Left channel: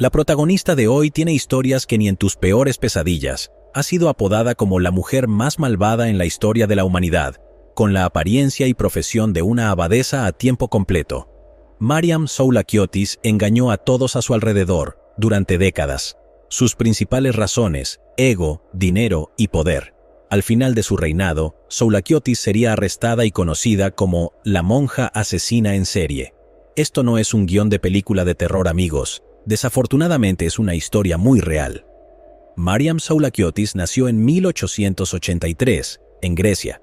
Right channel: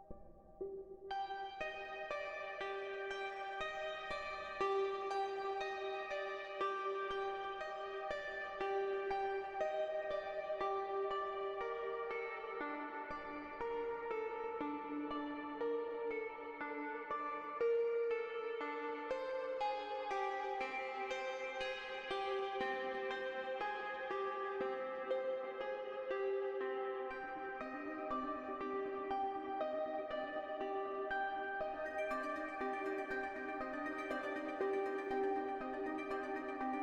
La protagonista de hoy tiene historias que ni en tus peores pesadillas. Ha sido apodada como la mujer más malvada en la historia de la humanidad, con la apariencia y profesión de una abadesa a tiempo completo. Mariam Soulakiotis engañó a todos a su alrededor durante décadas. Sus principales razones: ego, dinero y poder. Al final de su reinado, Soulakiotis sería arrestada y conocida como la monja asesina en serie. Esto no es un guión de película de terror, amigos. Desafortunadamente es una historia muy real. Mariam Soulakiotis nació en 1883, en Grecia.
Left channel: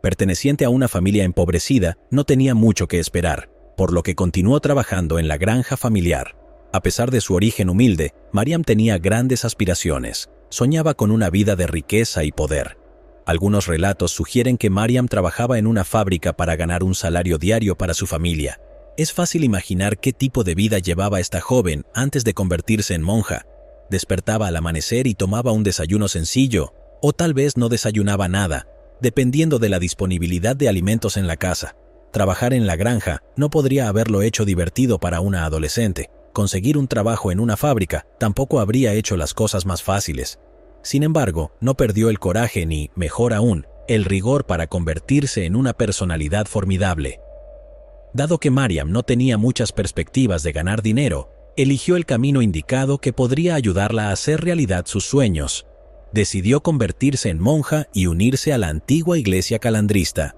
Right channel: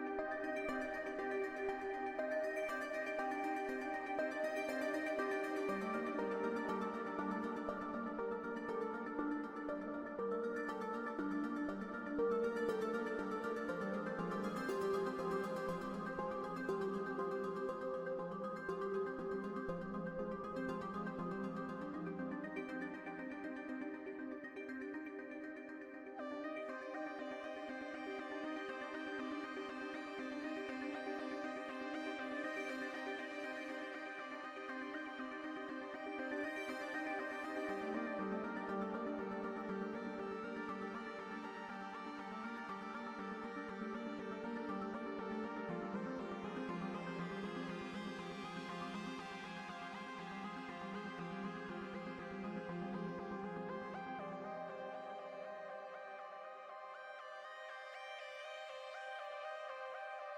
Perteneciente a una familia empobrecida, no tenía mucho que esperar, por lo que continuó trabajando en la granja familiar. A pesar de su origen humilde, Mariam tenía grandes aspiraciones. Soñaba con una vida de riqueza y poder. Algunos relatos sugieren que Mariam trabajaba en una fábrica para ganar un salario diario para su familia. Es fácil imaginar qué tipo de vida llevaba esta joven antes de convertirse en monja. Despertaba al amanecer y tomaba un desayuno sencillo, o tal vez no desayunaba nada, dependiendo de la disponibilidad de alimentos en la casa. Trabajar en la granja no podría haberlo hecho divertido para una adolescente. Conseguir un trabajo en una fábrica tampoco habría hecho las cosas más fáciles. Sin embargo, no perdió el coraje ni, mejor aún, el rigor para convertirse en una personalidad formidable. Dado que Mariam no tenía muchas perspectivas de ganar dinero, eligió el camino indicado que podría ayudarla a hacer realidad sus sueños. Decidió convertirse en monja y unirse a la antigua iglesia calandrista.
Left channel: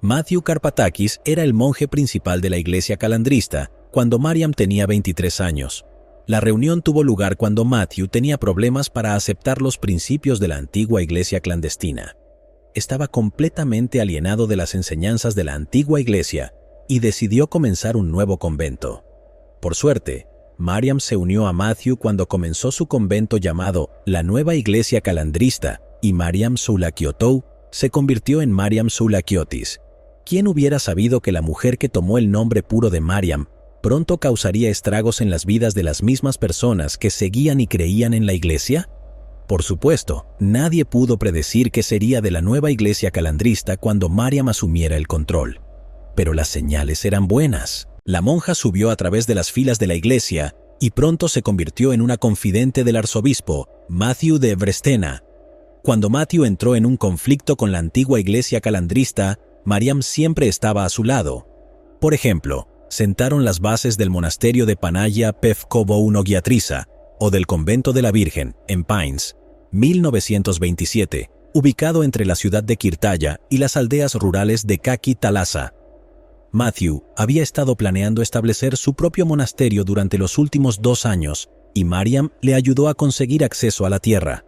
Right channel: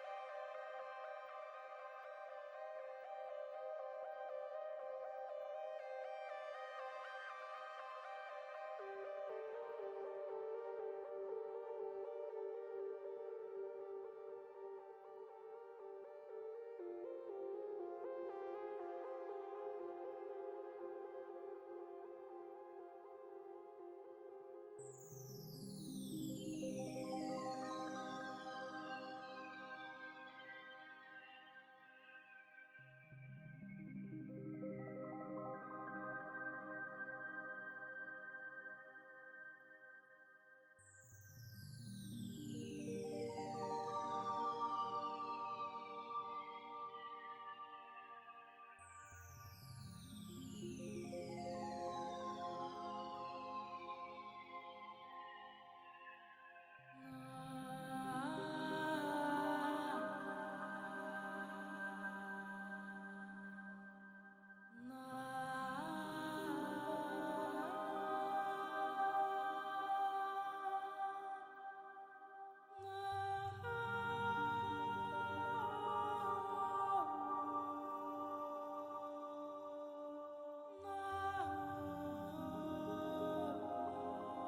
Matthew Karpatakis era el monje principal de la iglesia calandrista cuando Mariam tenía 23 años. La reunión tuvo lugar cuando Matthew tenía problemas para aceptar los principios de la antigua iglesia clandestina. Estaba completamente alienado de las enseñanzas de la antigua iglesia y decidió comenzar un nuevo convento. Por suerte, Mariam se unió a Matthew cuando comenzó su convento llamado la Nueva Iglesia Calandrista, y Mariam Soulakiotou se convirtió en Mariam Soulakiotis. ¿Quién hubiera sabido que la mujer que tomó el nombre puro de Mariam pronto causaría estragos en las vidas de las mismas personas que seguían y creían en la iglesia? Por supuesto, nadie pudo predecir qué sería de la nueva iglesia calandrista cuando Mariam asumiera el control. Pero las señales eran buenas. La monja subió a través de las filas de la iglesia y pronto se convirtió en una confidente del arzobispo, Matthew de Brestena. Cuando Matthew entró en un conflicto con la antigua iglesia calandrista, Mariam siempre estaba a su lado. Por ejemplo, sentaron las bases del monasterio de Panaya Pevkovou-Nogiatrisa o del convento de la Virgen, en Pines, 1927, ubicado entre la ciudad de Kirtaya y las aldeas rurales de Kaki-Talasa. Matthew había estado planeando establecer su propio monasterio durante los últimos 2 años y Mariam le ayudó a conseguir acceso a la tierra.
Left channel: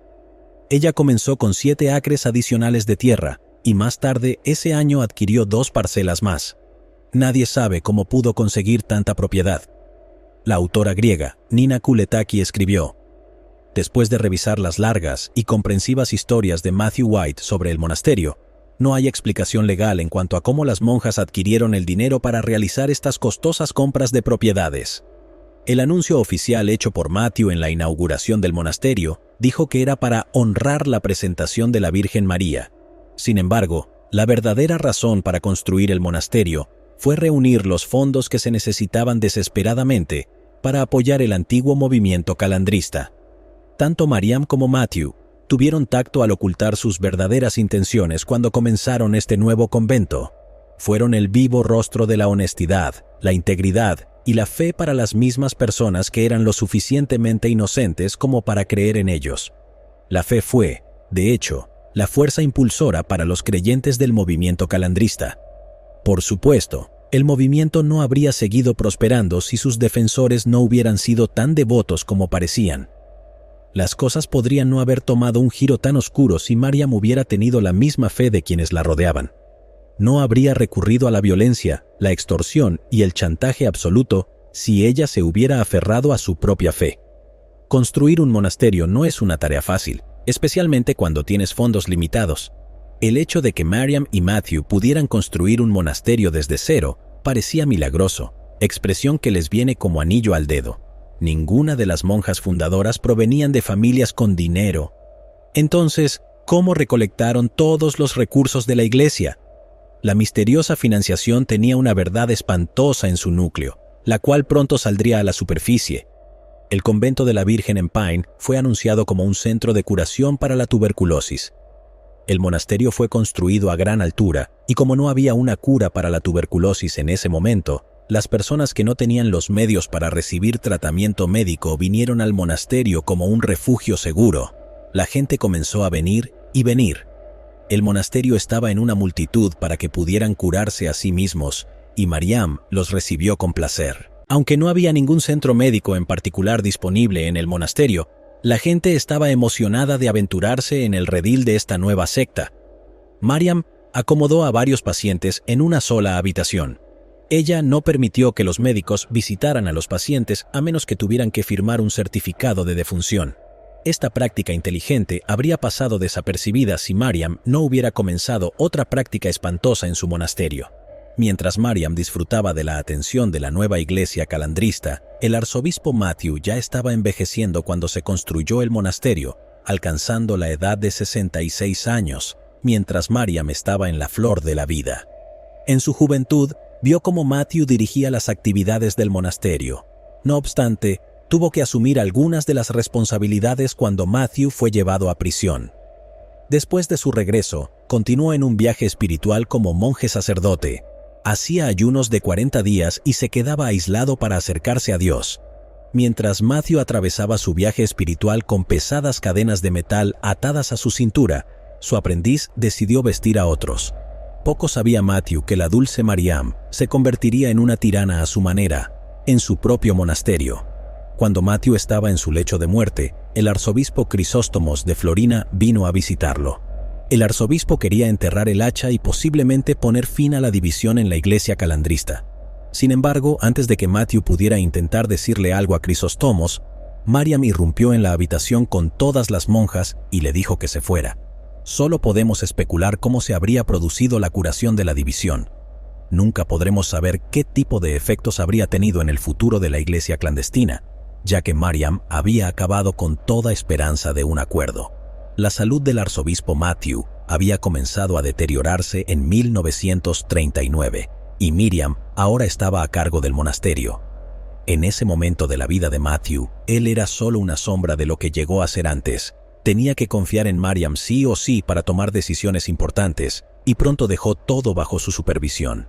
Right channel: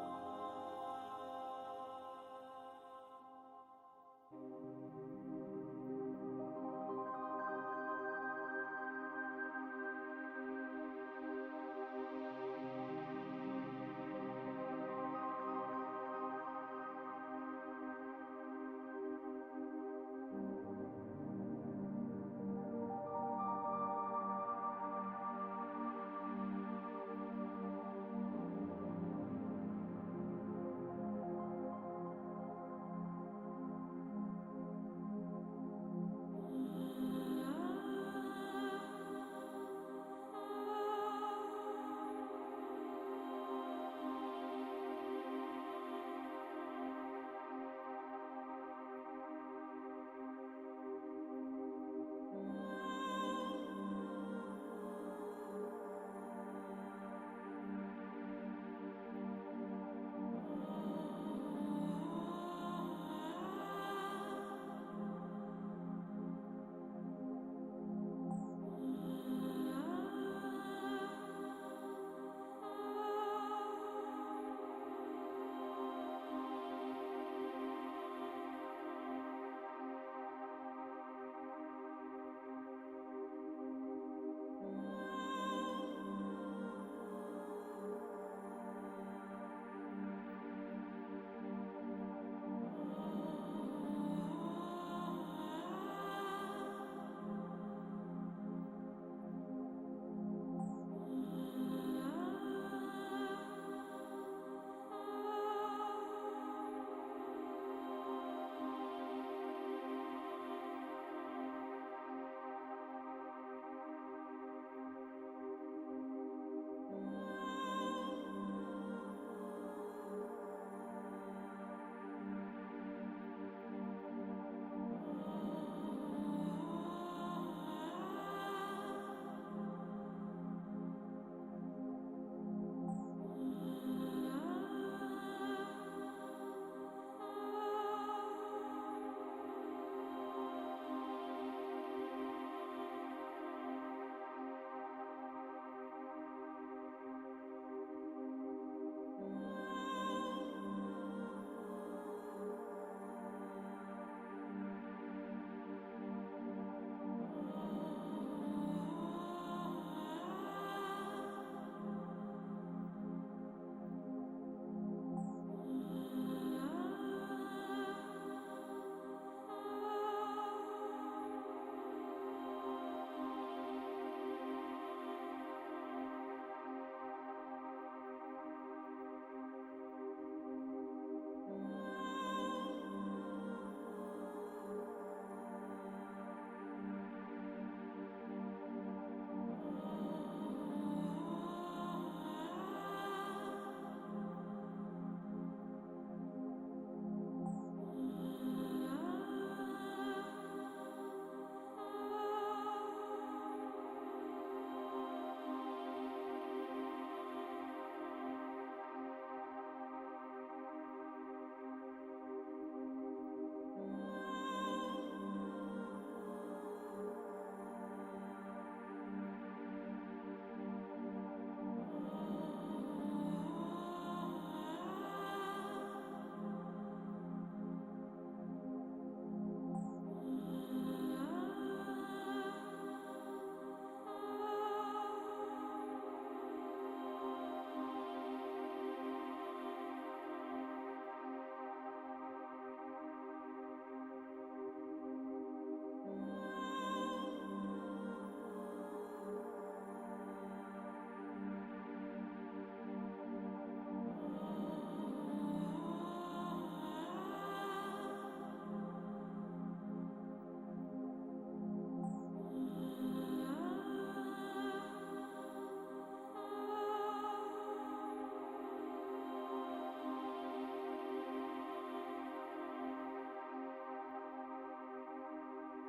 Ella comenzó con 7 acres adicionales de tierra y más tarde ese año adquirió 2 parcelas más. Nadie sabe cómo pudo conseguir tanta propiedad. La autora griega Nina Kuletaki escribió: después de revisar las largas y comprensivas historias de Matthew White sobre el monasterio, no hay explicación legal en cuanto a cómo las monjas adquirieron el dinero para realizar estas costosas compras de propiedades. El anuncio oficial hecho por Matthew en la inauguración del monasterio dijo que era para honrar la presentación de la Virgen María. Sin embargo, la verdadera razón para construir el monasterio fue reunir los fondos que se necesitaban desesperadamente para apoyar el antiguo movimiento calandrista. Tanto Mariam como Matthew tuvieron tacto al ocultar sus verdaderas intenciones cuando comenzaron este nuevo convento. Fueron el vivo rostro de la honestidad, la integridad y la fe para las mismas personas que eran lo suficientemente inocentes como para creer en ellos. La fe fue, de hecho, la fuerza impulsora para los creyentes del movimiento calandrista. Por supuesto, el movimiento no habría seguido prosperando si sus defensores no hubieran sido tan devotos como parecían. Las cosas podrían no haber tomado un giro tan oscuro si Mariam hubiera tenido la misma fe de quienes la rodeaban. No habría recurrido a la violencia, la extorsión y el chantaje absoluto si ella se hubiera aferrado a su propia fe. Construir un monasterio no es una tarea fácil, especialmente cuando tienes fondos limitados. El hecho de que Mariam y Matthew pudieran construir un monasterio desde cero parecía milagroso, expresión que les viene como anillo al dedo. Ninguna de las monjas fundadoras provenían de familias con dinero. Entonces, ¿cómo recolectaron todos los recursos de la iglesia? La misteriosa financiación tenía una verdad espantosa en su núcleo, la cual pronto saldría a la superficie. El convento de la Virgen en Pine fue anunciado como un centro de curación para la tuberculosis. El monasterio fue construido a gran altura y como no había una cura para la tuberculosis en ese momento, las personas que no tenían los medios para recibir tratamiento médico vinieron al monasterio como un refugio seguro. La gente comenzó a venir y venir. El monasterio estaba en una multitud para que pudieran curarse a sí mismos, y Mariam los recibió con placer. Aunque no había ningún centro médico en particular disponible en el monasterio, la gente estaba emocionada de aventurarse en el redil de esta nueva secta. Mariam acomodó a varios pacientes en una sola habitación. Ella no permitió que los médicos visitaran a los pacientes a menos que tuvieran que firmar un certificado de defunción. Esta práctica inteligente habría pasado desapercibida si Mariam no hubiera comenzado otra práctica espantosa en su monasterio. Mientras Mariam disfrutaba de la atención de la nueva iglesia calandrista, el arzobispo Matthew ya estaba envejeciendo cuando se construyó el monasterio, alcanzando la edad de 66 años, mientras Mariam estaba en la flor de la vida. En su juventud, vio cómo Matthew dirigía las actividades del monasterio. No obstante, tuvo que asumir algunas de las responsabilidades cuando Matthew fue llevado a prisión. Después de su regreso, continuó en un viaje espiritual como monje sacerdote. Hacía ayunos de 40 días y se quedaba aislado para acercarse a Dios. Mientras Matthew atravesaba su viaje espiritual con pesadas cadenas de metal atadas a su cintura, su aprendiz decidió vestir a otros. Poco sabía Matthew que la dulce Mariam se convertiría en una tirana a su manera, en su propio monasterio. Cuando Matthew estaba en su lecho de muerte, el arzobispo Crisóstomos de Florina vino a visitarlo. El arzobispo quería enterrar el hacha y posiblemente poner fin a la división en la iglesia calandrista. Sin embargo, antes de que Matthew pudiera intentar decirle algo a Crisóstomos, Mariam irrumpió en la habitación con todas las monjas y le dijo que se fuera. Solo podemos especular cómo se habría producido la curación de la división. Nunca podremos saber qué tipo de efectos habría tenido en el futuro de la iglesia clandestina, ya que Mariam había acabado con toda esperanza de un acuerdo. La salud del arzobispo Matthew había comenzado a deteriorarse en 1939 y Miriam ahora estaba a cargo del monasterio. En ese momento de la vida de Matthew, él era solo una sombra de lo que llegó a ser antes. Tenía que confiar en Mariam sí o sí para tomar decisiones importantes y pronto dejó todo bajo su supervisión.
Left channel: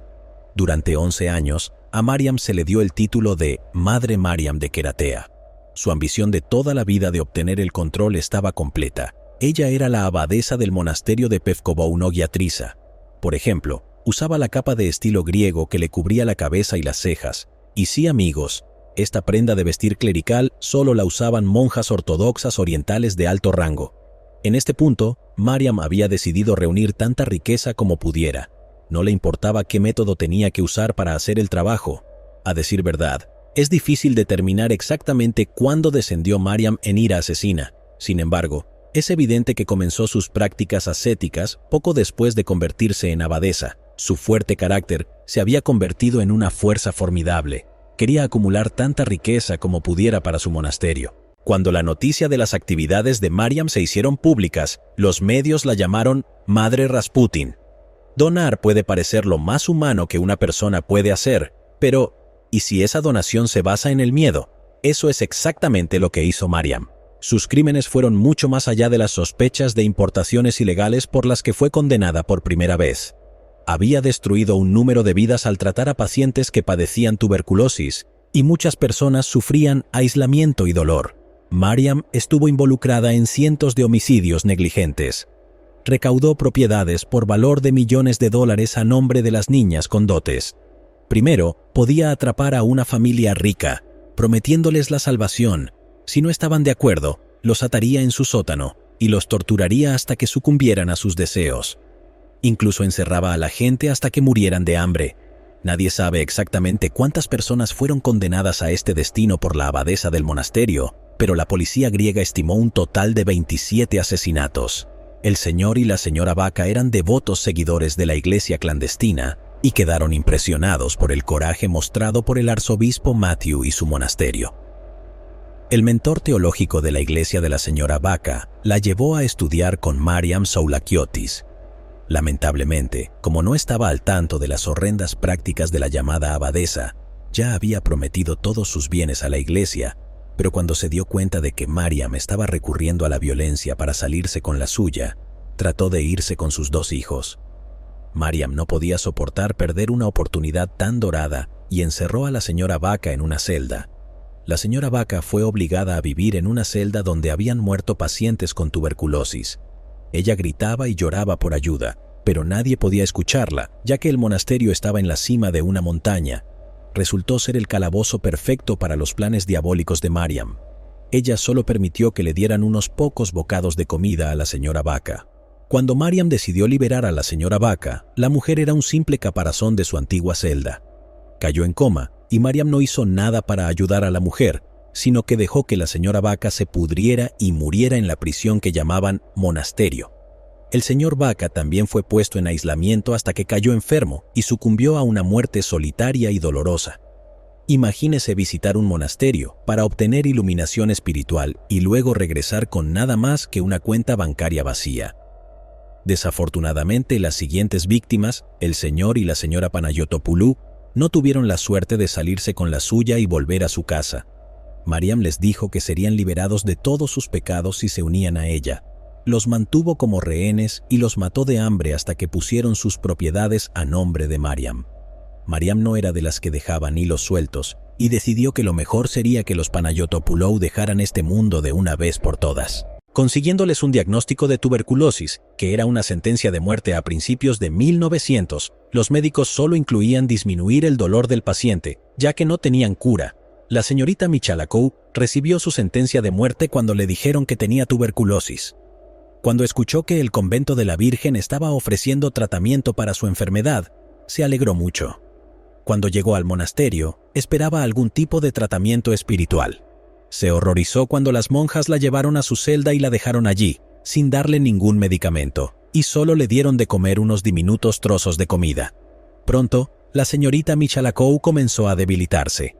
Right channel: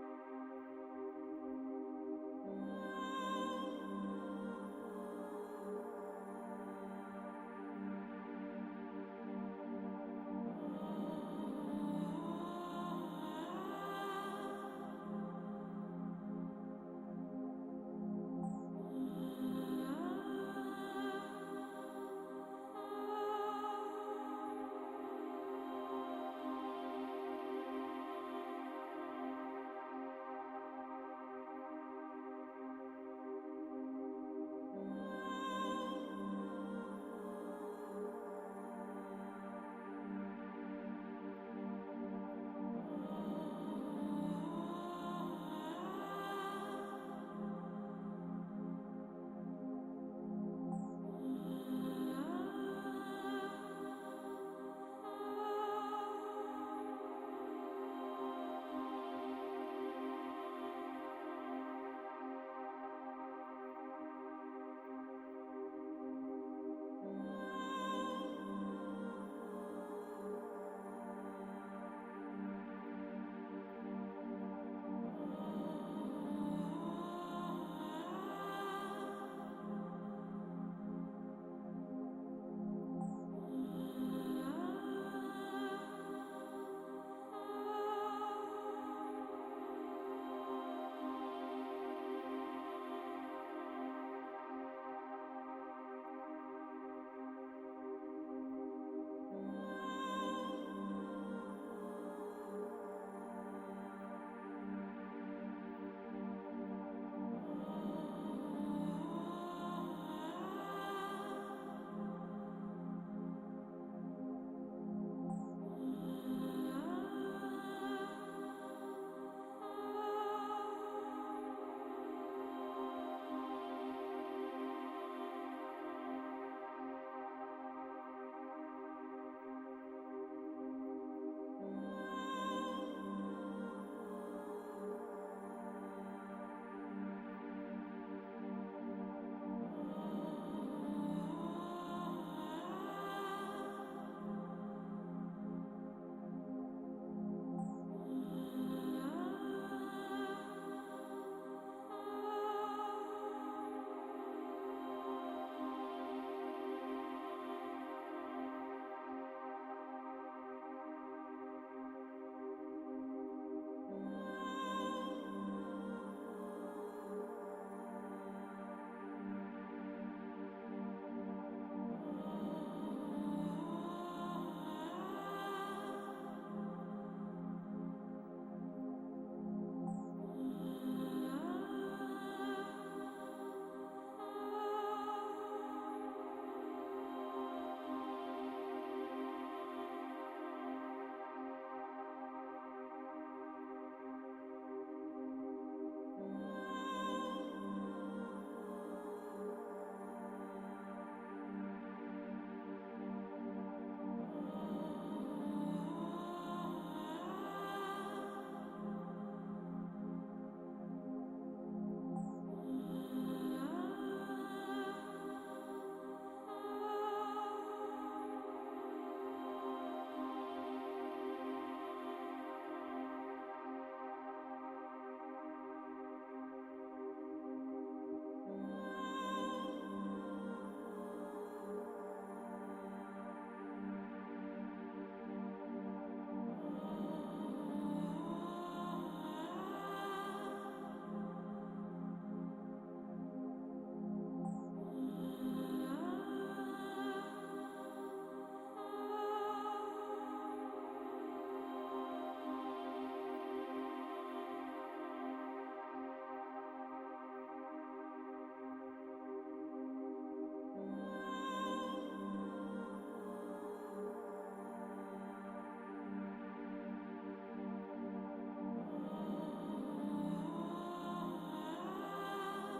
Durante 11 años, a Mariam se le dio el título de Madre Mariam de Keratea. Su ambición de toda la vida de obtener el control estaba completa. Ella era la abadesa del monasterio de Pevkovounogiatrisa. Por ejemplo, usaba la capa de estilo griego que le cubría la cabeza y las cejas. Y sí, amigos, esta prenda de vestir clerical solo la usaban monjas ortodoxas orientales de alto rango. En este punto, Mariam había decidido reunir tanta riqueza como pudiera. No le importaba qué método tenía que usar para hacer el trabajo. A decir verdad, es difícil determinar exactamente cuándo descendió Mariam en ira asesina. Sin embargo, es evidente que comenzó sus prácticas ascéticas poco después de convertirse en abadesa. Su fuerte carácter se había convertido en una fuerza formidable. Quería acumular tanta riqueza como pudiera para su monasterio. Cuando la noticia de las actividades de Mariam se hicieron públicas, los medios la llamaron Madre Rasputin. Donar puede parecer lo más humano que una persona puede hacer, pero ¿y si esa donación se basa en el miedo? Eso es exactamente lo que hizo Mariam. Sus crímenes fueron mucho más allá de las sospechas de importaciones ilegales por las que fue condenada por primera vez. Había destruido un número de vidas al tratar a pacientes que padecían tuberculosis, y muchas personas sufrían aislamiento y dolor. Mariam estuvo involucrada en cientos de homicidios negligentes. Recaudó propiedades por valor de millones de dólares a nombre de las niñas con dotes. Primero, podía atrapar a una familia rica, prometiéndoles la salvación. Si no estaban de acuerdo, los ataría en su sótano y los torturaría hasta que sucumbieran a sus deseos. Incluso encerraba a la gente hasta que murieran de hambre. Nadie sabe exactamente cuántas personas fueron condenadas a este destino por la abadesa del monasterio, pero la policía griega estimó un total de 27 asesinatos. El señor y la señora Vaca eran devotos seguidores de la iglesia clandestina y quedaron impresionados por el coraje mostrado por el arzobispo Matthew y su monasterio. El mentor teológico de la iglesia de la señora Vaca la llevó a estudiar con Mariam Soulakiotis. Lamentablemente, como no estaba al tanto de las horrendas prácticas de la llamada abadesa, ya había prometido todos sus bienes a la iglesia, Pero cuando se dio cuenta de que Mariam estaba recurriendo a la violencia para salirse con la suya, trató de irse con sus 2 hijos. Mariam no podía soportar perder una oportunidad tan dorada y encerró a la señora Vaca en una celda. La señora Vaca fue obligada a vivir en una celda donde habían muerto pacientes con tuberculosis. Ella gritaba y lloraba por ayuda, pero nadie podía escucharla, ya que el monasterio estaba en la cima de una montaña. Resultó ser el calabozo perfecto para los planes diabólicos de Mariam. Ella solo permitió que le dieran unos pocos bocados de comida a la señora Vaca. Cuando Mariam decidió liberar a la señora Vaca, la mujer era un simple caparazón de su antigua celda. Cayó en coma y Mariam no hizo nada para ayudar a la mujer, sino que dejó que la señora Vaca se pudriera y muriera en la prisión que llamaban monasterio. El señor Vaca también fue puesto en aislamiento hasta que cayó enfermo y sucumbió a una muerte solitaria y dolorosa. Imagínese visitar un monasterio para obtener iluminación espiritual y luego regresar con nada más que una cuenta bancaria vacía. Desafortunadamente, las siguientes víctimas, el señor y la señora Panayotopoulou, no tuvieron la suerte de salirse con la suya y volver a su casa. Mariam les dijo que serían liberados de todos sus pecados si se unían a ella. Los mantuvo como rehenes y los mató de hambre hasta que pusieron sus propiedades a nombre de Mariam. Mariam no era de las que dejaban hilos sueltos y decidió que lo mejor sería que los Panayotopoulou dejaran este mundo de una vez por todas, consiguiéndoles un diagnóstico de tuberculosis, que era una sentencia de muerte a principios de 1900. Los médicos solo incluían disminuir el dolor del paciente, ya que no tenían cura. La señorita Michalakov recibió su sentencia de muerte cuando le dijeron que tenía tuberculosis. Cuando escuchó que el convento de la Virgen estaba ofreciendo tratamiento para su enfermedad, se alegró mucho. Cuando llegó al monasterio, esperaba algún tipo de tratamiento espiritual. Se horrorizó cuando las monjas la llevaron a su celda y la dejaron allí, sin darle ningún medicamento, y solo le dieron de comer unos diminutos trozos de comida. Pronto, la señorita Michalakov comenzó a debilitarse.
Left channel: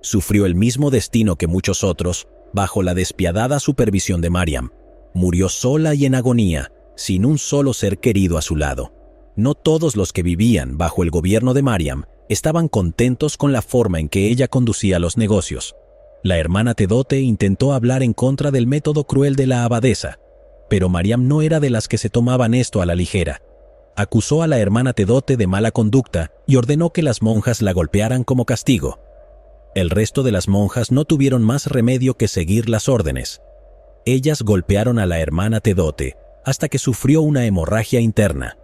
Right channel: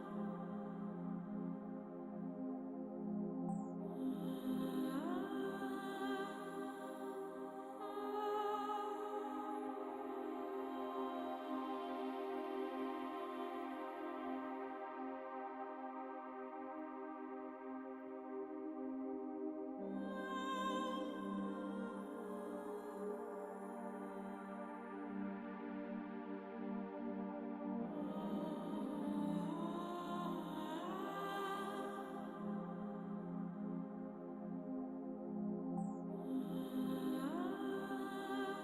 Sufrió el mismo destino que muchos otros, bajo la despiadada supervisión de Mariam. Murió sola y en agonía, sin un solo ser querido a su lado. No todos los que vivían bajo el gobierno de Mariam estaban contentos con la forma en que ella conducía los negocios. La hermana Tedote intentó hablar en contra del método cruel de la abadesa, pero Mariam no era de las que se tomaban esto a la ligera. Acusó a la hermana Tedote de mala conducta y ordenó que las monjas la golpearan como castigo. El resto de las monjas no tuvieron más remedio que seguir las órdenes. Ellas golpearon a la hermana Tedote hasta que sufrió una hemorragia interna.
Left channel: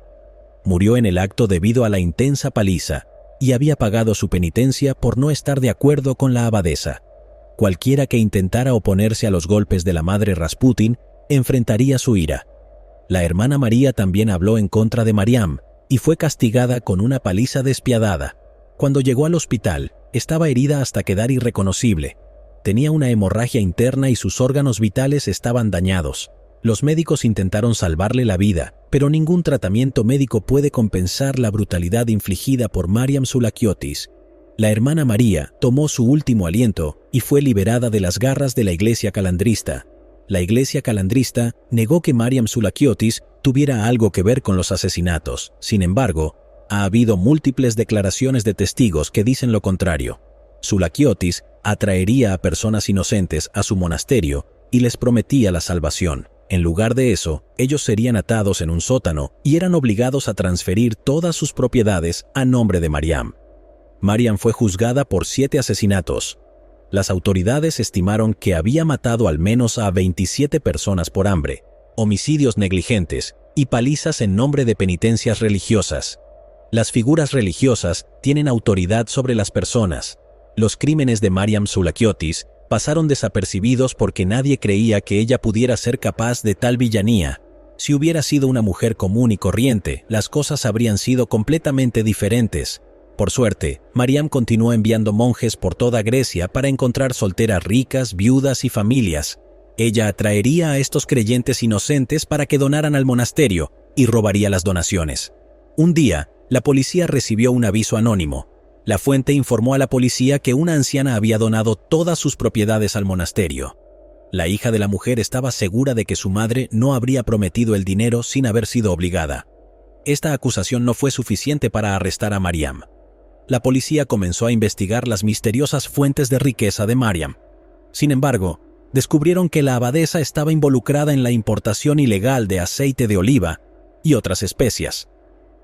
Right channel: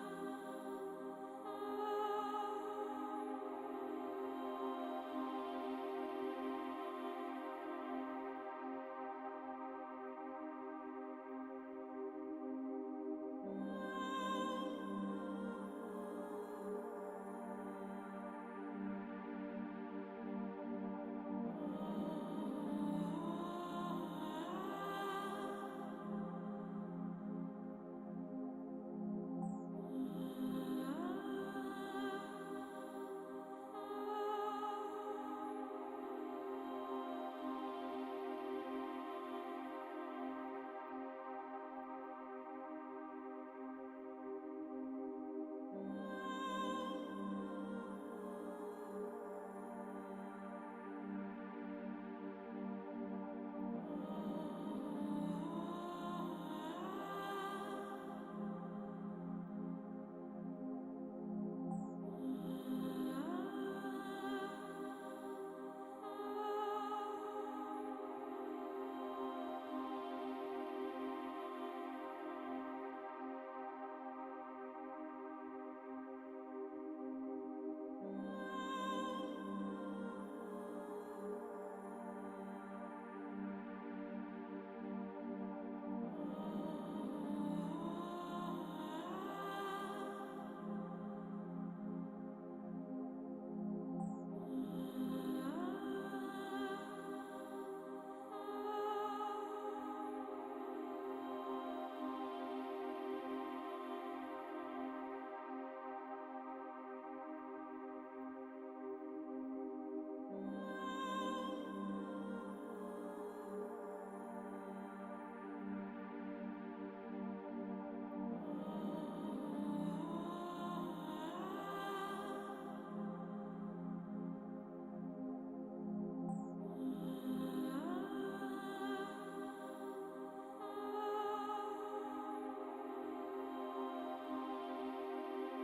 Murió en el acto debido a la intensa paliza y había pagado su penitencia por no estar de acuerdo con la abadesa. Cualquiera que intentara oponerse a los golpes de la madre Rasputin enfrentaría su ira. La hermana María también habló en contra de Mariam y fue castigada con una paliza despiadada. Cuando llegó al hospital, estaba herida hasta quedar irreconocible. Tenía una hemorragia interna y sus órganos vitales estaban dañados. Los médicos intentaron salvarle la vida, pero ningún tratamiento médico puede compensar la brutalidad infligida por Mariam Soulakiotis. La hermana María tomó su último aliento y fue liberada de las garras de la Iglesia Calandrista. La Iglesia Calandrista negó que Mariam Soulakiotis tuviera algo que ver con los asesinatos. Sin embargo, ha habido múltiples declaraciones de testigos que dicen lo contrario. Soulakiotis atraería a personas inocentes a su monasterio y les prometía la salvación. En lugar de eso, ellos serían atados en un sótano y eran obligados a transferir todas sus propiedades a nombre de Mariam. Mariam fue juzgada por 7 asesinatos. Las autoridades estimaron que había matado al menos a 27 personas por hambre, homicidios negligentes y palizas en nombre de penitencias religiosas. Las figuras religiosas tienen autoridad sobre las personas. Los crímenes de Mariam Soulakiotis pasaron desapercibidos porque nadie creía que ella pudiera ser capaz de tal villanía. Si hubiera sido una mujer común y corriente, las cosas habrían sido completamente diferentes. Por suerte, Mariam continuó enviando monjes por toda Grecia para encontrar solteras ricas, viudas y familias. Ella atraería a estos creyentes inocentes para que donaran al monasterio y robaría las donaciones. Un día, la policía recibió un aviso anónimo. La fuente informó a la policía que una anciana había donado todas sus propiedades al monasterio. La hija de la mujer estaba segura de que su madre no habría prometido el dinero sin haber sido obligada. Esta acusación no fue suficiente para arrestar a Mariam. La policía comenzó a investigar las misteriosas fuentes de riqueza de Mariam. Sin embargo, descubrieron que la abadesa estaba involucrada en la importación ilegal de aceite de oliva y otras especias.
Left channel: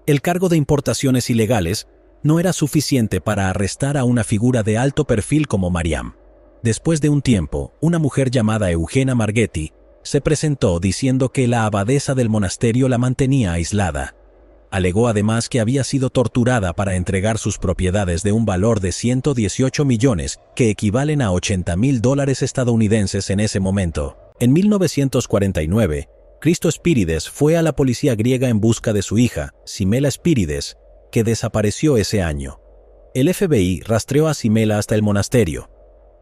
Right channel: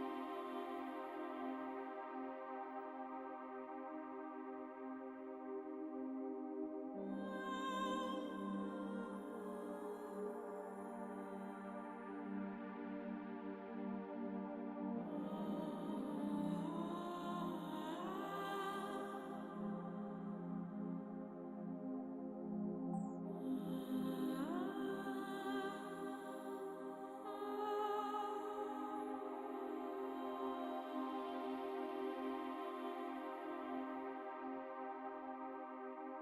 El cargo de importaciones ilegales no era suficiente para arrestar a una figura de alto perfil como Mariam. Después de un tiempo, una mujer llamada Eugenia Marghetti se presentó diciendo que la abadesa del monasterio la mantenía aislada. Alegó además que había sido torturada para entregar sus propiedades de un valor de 118 millones, que equivalen a $80.000 estadounidenses en ese momento. En 1949, Christo Spírides fue a la policía griega en busca de su hija, Simela Spírides, que desapareció ese año. El FBI rastreó a Simela hasta el monasterio.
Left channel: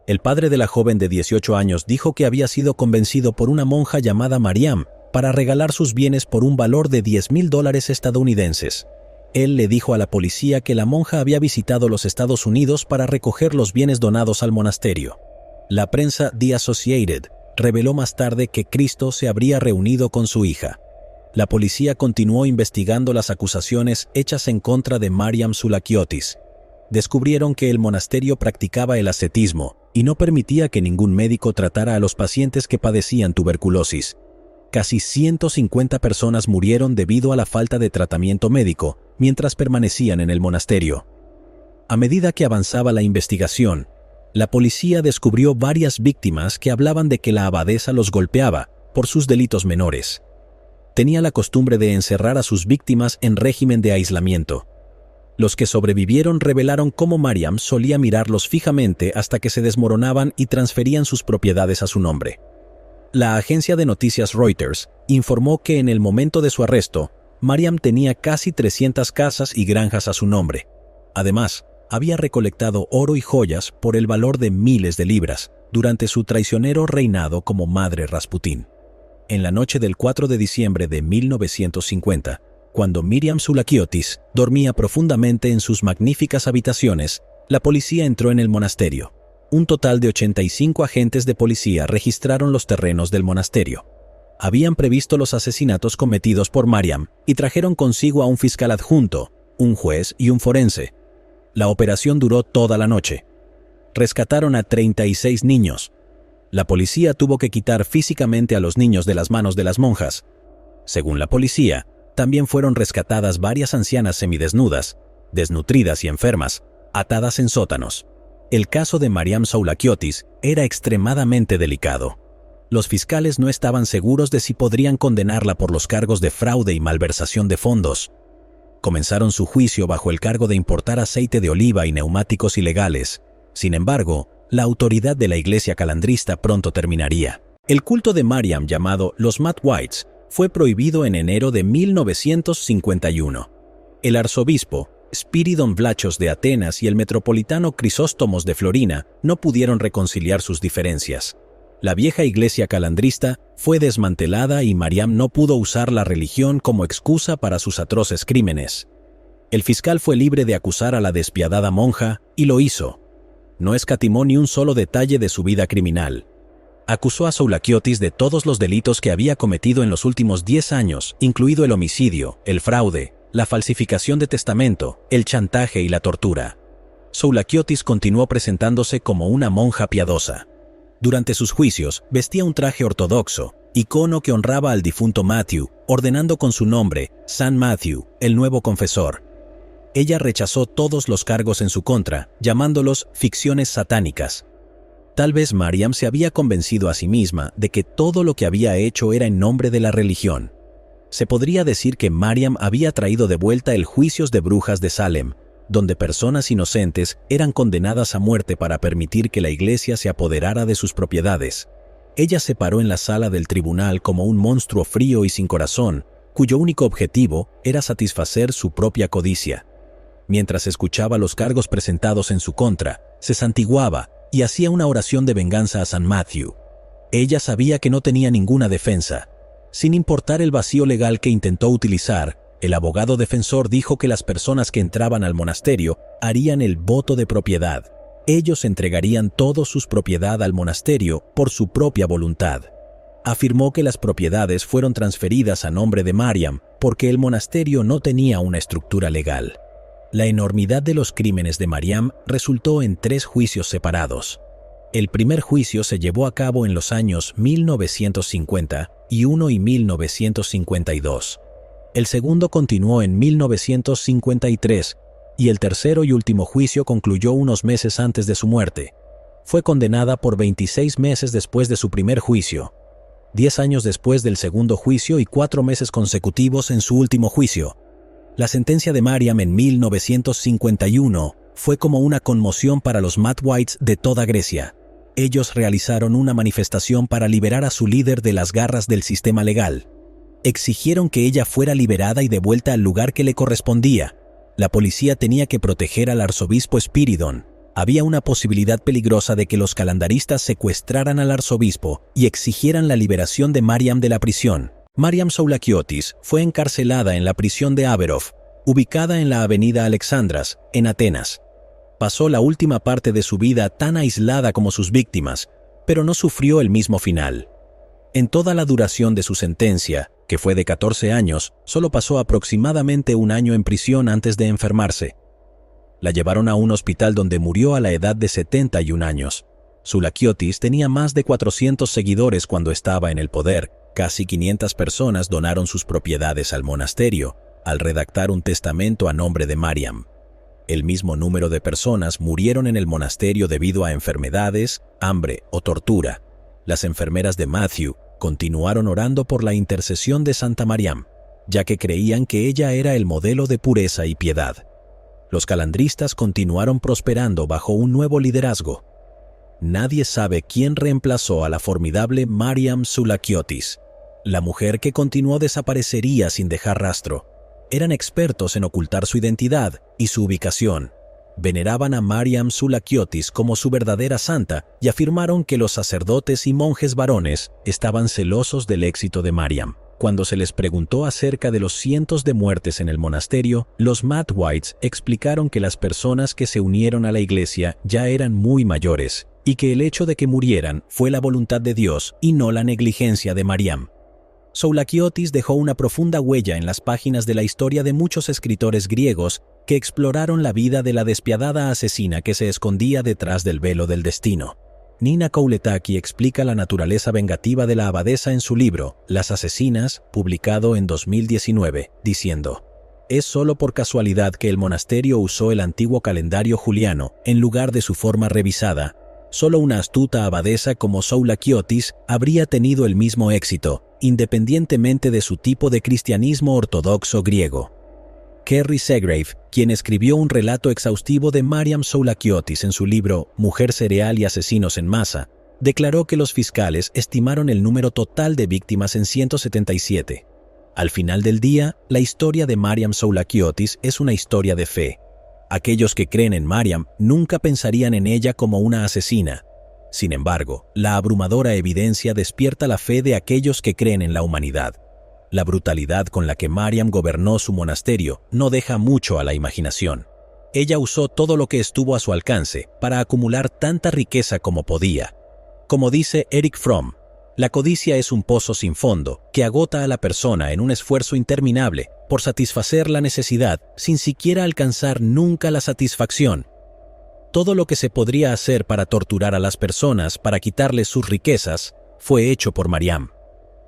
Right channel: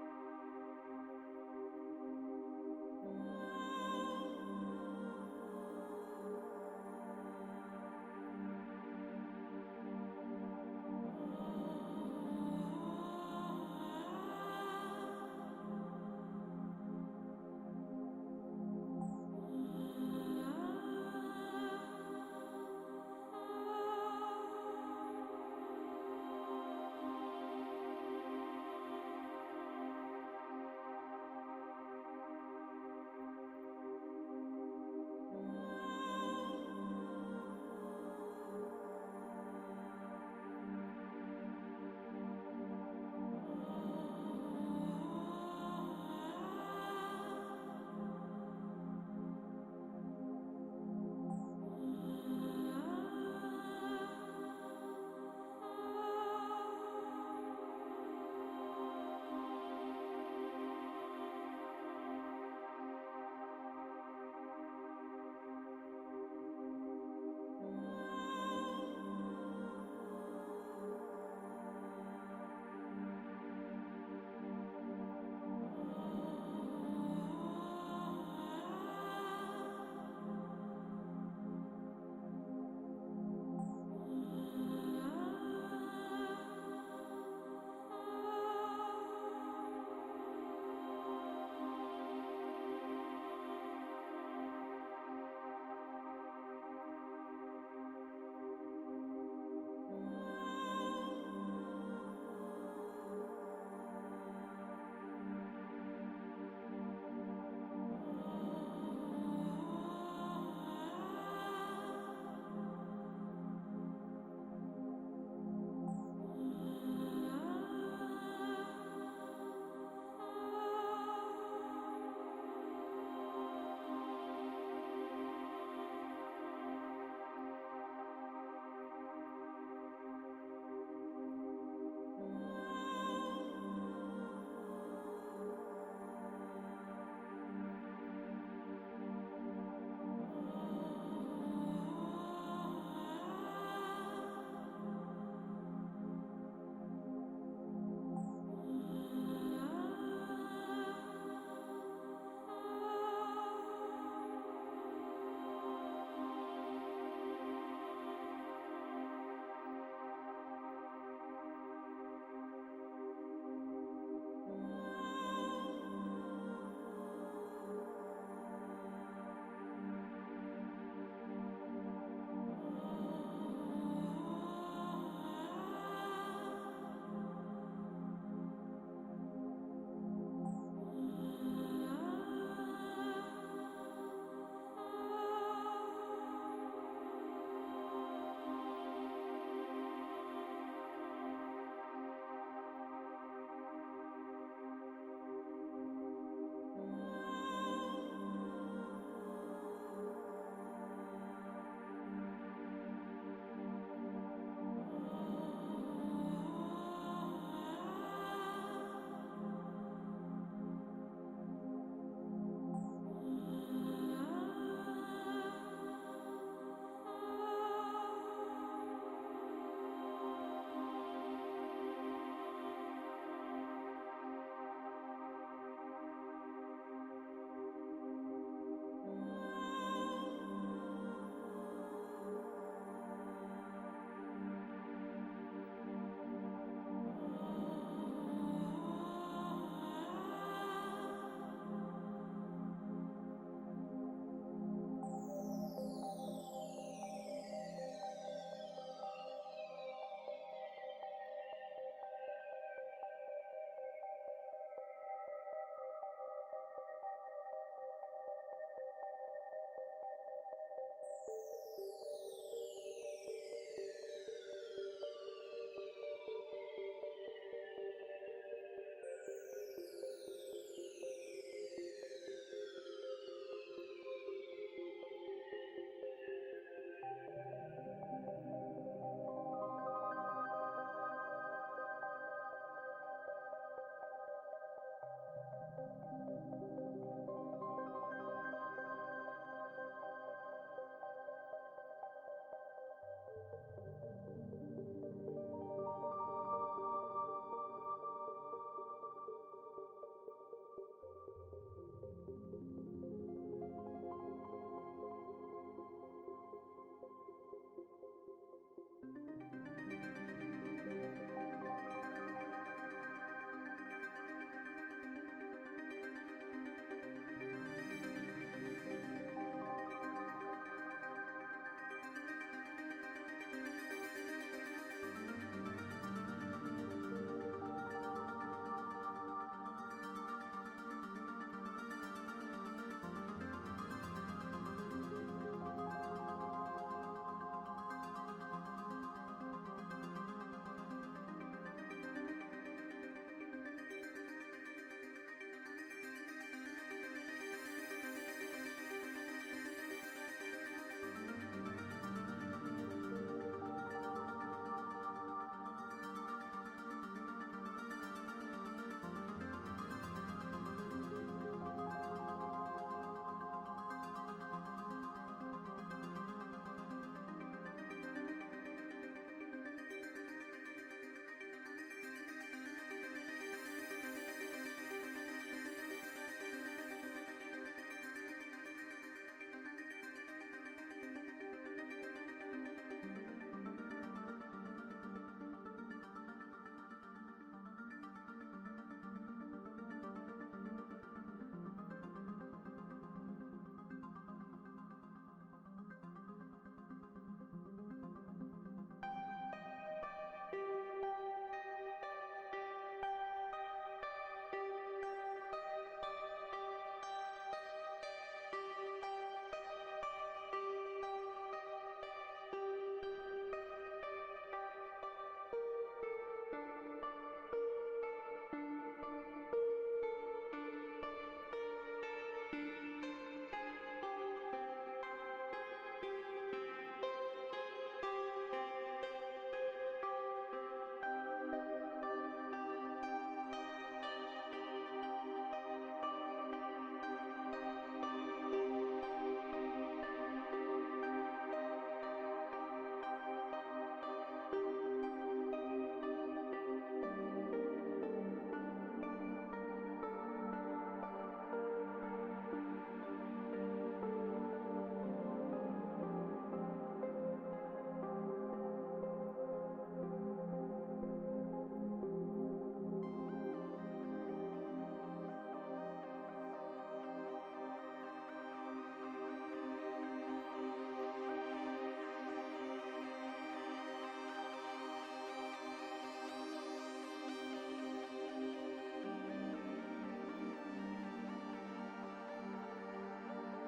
El padre de la joven de 18 años dijo que había sido convencido por una monja llamada Mariam para regalar sus bienes por un valor de $10.000 estadounidenses. Él le dijo a la policía que la monja había visitado los Estados Unidos para recoger los bienes donados al monasterio. La prensa The Associated reveló más tarde que Christo se habría reunido con su hija. La policía continuó investigando las acusaciones hechas en contra de Mariam Soulakiotis. Descubrieron que el monasterio practicaba el ascetismo y no permitía que ningún médico tratara a los pacientes que padecían tuberculosis. Casi 150 personas murieron debido a la falta de tratamiento médico mientras permanecían en el monasterio. A medida que avanzaba la investigación, la policía descubrió varias víctimas que hablaban de que la abadesa los golpeaba por sus delitos menores. Tenía la costumbre de encerrar a sus víctimas en régimen de aislamiento. Los que sobrevivieron revelaron cómo Mariam solía mirarlos fijamente hasta que se desmoronaban y transferían sus propiedades a su nombre. La agencia de noticias Reuters informó que en el momento de su arresto, Mariam tenía casi 300 casas y granjas a su nombre. Además, había recolectado oro y joyas por el valor de miles de libras durante su traicionero reinado como madre Rasputín. En la noche del 4 de diciembre de 1950, cuando Miriam Soulakiotis dormía profundamente en sus magníficas habitaciones, la policía entró en el monasterio. Un total de 85 agentes de policía registraron los terrenos del monasterio. Habían previsto los asesinatos cometidos por Mariam y trajeron consigo a un fiscal adjunto, un juez y un forense. La operación duró toda la noche. Rescataron a 36 niños. La policía tuvo que quitar físicamente a los niños de las manos de las monjas. Según la policía, también fueron rescatadas varias ancianas semidesnudas, desnutridas y enfermas, atadas en sótanos. El caso de Mariam Soulakiotis era extremadamente delicado. Los fiscales no estaban seguros de si podrían condenarla por los cargos de fraude y malversación de fondos. Comenzaron su juicio bajo el cargo de importar aceite de oliva y neumáticos ilegales. Sin embargo, la autoridad de la iglesia calandrista pronto terminaría. El culto de Mariam, llamado los Matt Whites, fue prohibido en enero de 1951. El arzobispo Spiridon Vlachos de Atenas y el metropolitano Crisóstomos de Florina no pudieron reconciliar sus diferencias. La vieja iglesia calandrista fue desmantelada y Mariam no pudo usar la religión como excusa para sus atroces crímenes. El fiscal fue libre de acusar a la despiadada monja y lo hizo. No escatimó ni un solo detalle de su vida criminal. Acusó a Soulakiotis de todos los delitos que había cometido en los últimos 10 años, incluido el homicidio, el fraude, la falsificación de testamento, el chantaje y la tortura. Soulakiotis continuó presentándose como una monja piadosa. Durante sus juicios, vestía un traje ortodoxo, icono que honraba al difunto Matthew, ordenando con su nombre, San Matthew, el nuevo confesor. Ella rechazó todos los cargos en su contra, llamándolos ficciones satánicas. Tal vez Mariam se había convencido a sí misma de que todo lo que había hecho era en nombre de la religión. Se podría decir que Mariam había traído de vuelta el juicios de brujas de Salem, donde personas inocentes eran condenadas a muerte para permitir que la iglesia se apoderara de sus propiedades. Ella se paró en la sala del tribunal como un monstruo frío y sin corazón, cuyo único objetivo era satisfacer su propia codicia. Mientras escuchaba los cargos presentados en su contra, se santiguaba y hacía una oración de venganza a San Matthew. Ella sabía que no tenía ninguna defensa. Sin importar el vacío legal que intentó utilizar, el abogado defensor dijo que las personas que entraban al monasterio harían el voto de propiedad. Ellos entregarían toda su propiedad al monasterio por su propia voluntad. Afirmó que las propiedades fueron transferidas a nombre de Mariam porque el monasterio no tenía una estructura legal. La enormidad de los crímenes de Mariam resultó en 3 juicios separados. El primer juicio se llevó a cabo en los años 1951 y 1952. El segundo continuó en 1953 y el tercero y último juicio concluyó unos meses antes de su muerte. Fue condenada por 26 meses después de su primer juicio, 10 años después del segundo juicio y 4 meses consecutivos en su último juicio. La sentencia de Mariam en 1951 fue como una conmoción para los Matwites de toda Grecia. Ellos realizaron una manifestación para liberar a su líder de las garras del sistema legal. Exigieron que ella fuera liberada y devuelta al lugar que le correspondía. La policía tenía que proteger al arzobispo Spiridon. Había una posibilidad peligrosa de que los calendaristas secuestraran al arzobispo y exigieran la liberación de Mariam de la prisión. Mariam Soulakiotis fue encarcelada en la prisión de Averov, ubicada en la avenida Alexandras, en Atenas. Pasó la última parte de su vida tan aislada como sus víctimas, pero no sufrió el mismo final. En toda la duración de su sentencia, que fue de 14 años, solo pasó aproximadamente un año en prisión antes de enfermarse. La llevaron a un hospital donde murió a la edad de 71 años. Soulakiotis tenía más de 400 seguidores cuando estaba en el poder. Casi 500 personas donaron sus propiedades al monasterio al redactar un testamento a nombre de Mariam. El mismo número de personas murieron en el monasterio debido a enfermedades, hambre o tortura. Las enfermeras de Matthew continuaron orando por la intercesión de Santa Mariam, ya que creían que ella era el modelo de pureza y piedad. Los calandristas continuaron prosperando bajo un nuevo liderazgo. Nadie sabe quién reemplazó a la formidable Mariam Soulakiotis, la mujer que continuó desaparecería sin dejar rastro. Eran expertos en ocultar su identidad y su ubicación. Veneraban a Mariam Soulakiotis como su verdadera santa y afirmaron que los sacerdotes y monjes varones estaban celosos del éxito de Mariam. Cuando se les preguntó acerca de los cientos de muertes en el monasterio, los Matwites explicaron que las personas que se unieron a la iglesia ya eran muy mayores y que el hecho de que murieran fue la voluntad de Dios y no la negligencia de Mariam. Soulakiotis dejó una profunda huella en las páginas de la historia de muchos escritores griegos que exploraron la vida de la despiadada asesina que se escondía detrás del velo del destino. Nina Kouletaki explica la naturaleza vengativa de la abadesa en su libro Las asesinas, publicado en 2019, diciendo: «Es solo por casualidad que el monasterio usó el antiguo calendario juliano en lugar de su forma revisada. Solo una astuta abadesa como Soulakiotis habría tenido el mismo éxito, independientemente de su tipo de cristianismo ortodoxo griego». Kerry Segrave, quien escribió un relato exhaustivo de Mariam Soulakiotis en su libro Mujer cereal y asesinos en masa, declaró que los fiscales estimaron el número total de víctimas en 177. Al final del día, la historia de Mariam Soulakiotis es una historia de fe. Aquellos que creen en Mariam nunca pensarían en ella como una asesina. Sin embargo, la abrumadora evidencia despierta la fe de aquellos que creen en la humanidad. La brutalidad con la que Mariam gobernó su monasterio no deja mucho a la imaginación. Ella usó todo lo que estuvo a su alcance para acumular tanta riqueza como podía. Como dice Eric Fromm, la codicia es un pozo sin fondo que agota a la persona en un esfuerzo interminable por satisfacer la necesidad sin siquiera alcanzar nunca la satisfacción. Todo lo que se podría hacer para torturar a las personas para quitarles sus riquezas fue hecho por Mariam.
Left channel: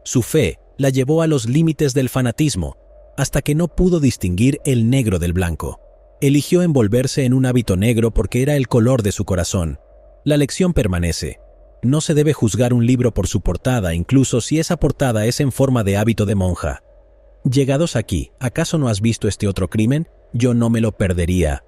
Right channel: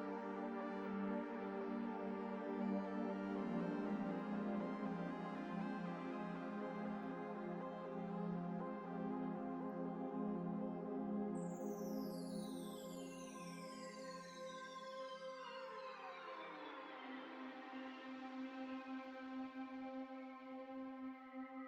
Su fe la llevó a los límites del fanatismo, hasta que no pudo distinguir el negro del blanco. Eligió envolverse en un hábito negro porque era el color de su corazón. La lección permanece. No se debe juzgar un libro por su portada, incluso si esa portada es en forma de hábito de monja. Llegados aquí, ¿acaso no has visto este otro crimen? Yo no me lo perdería.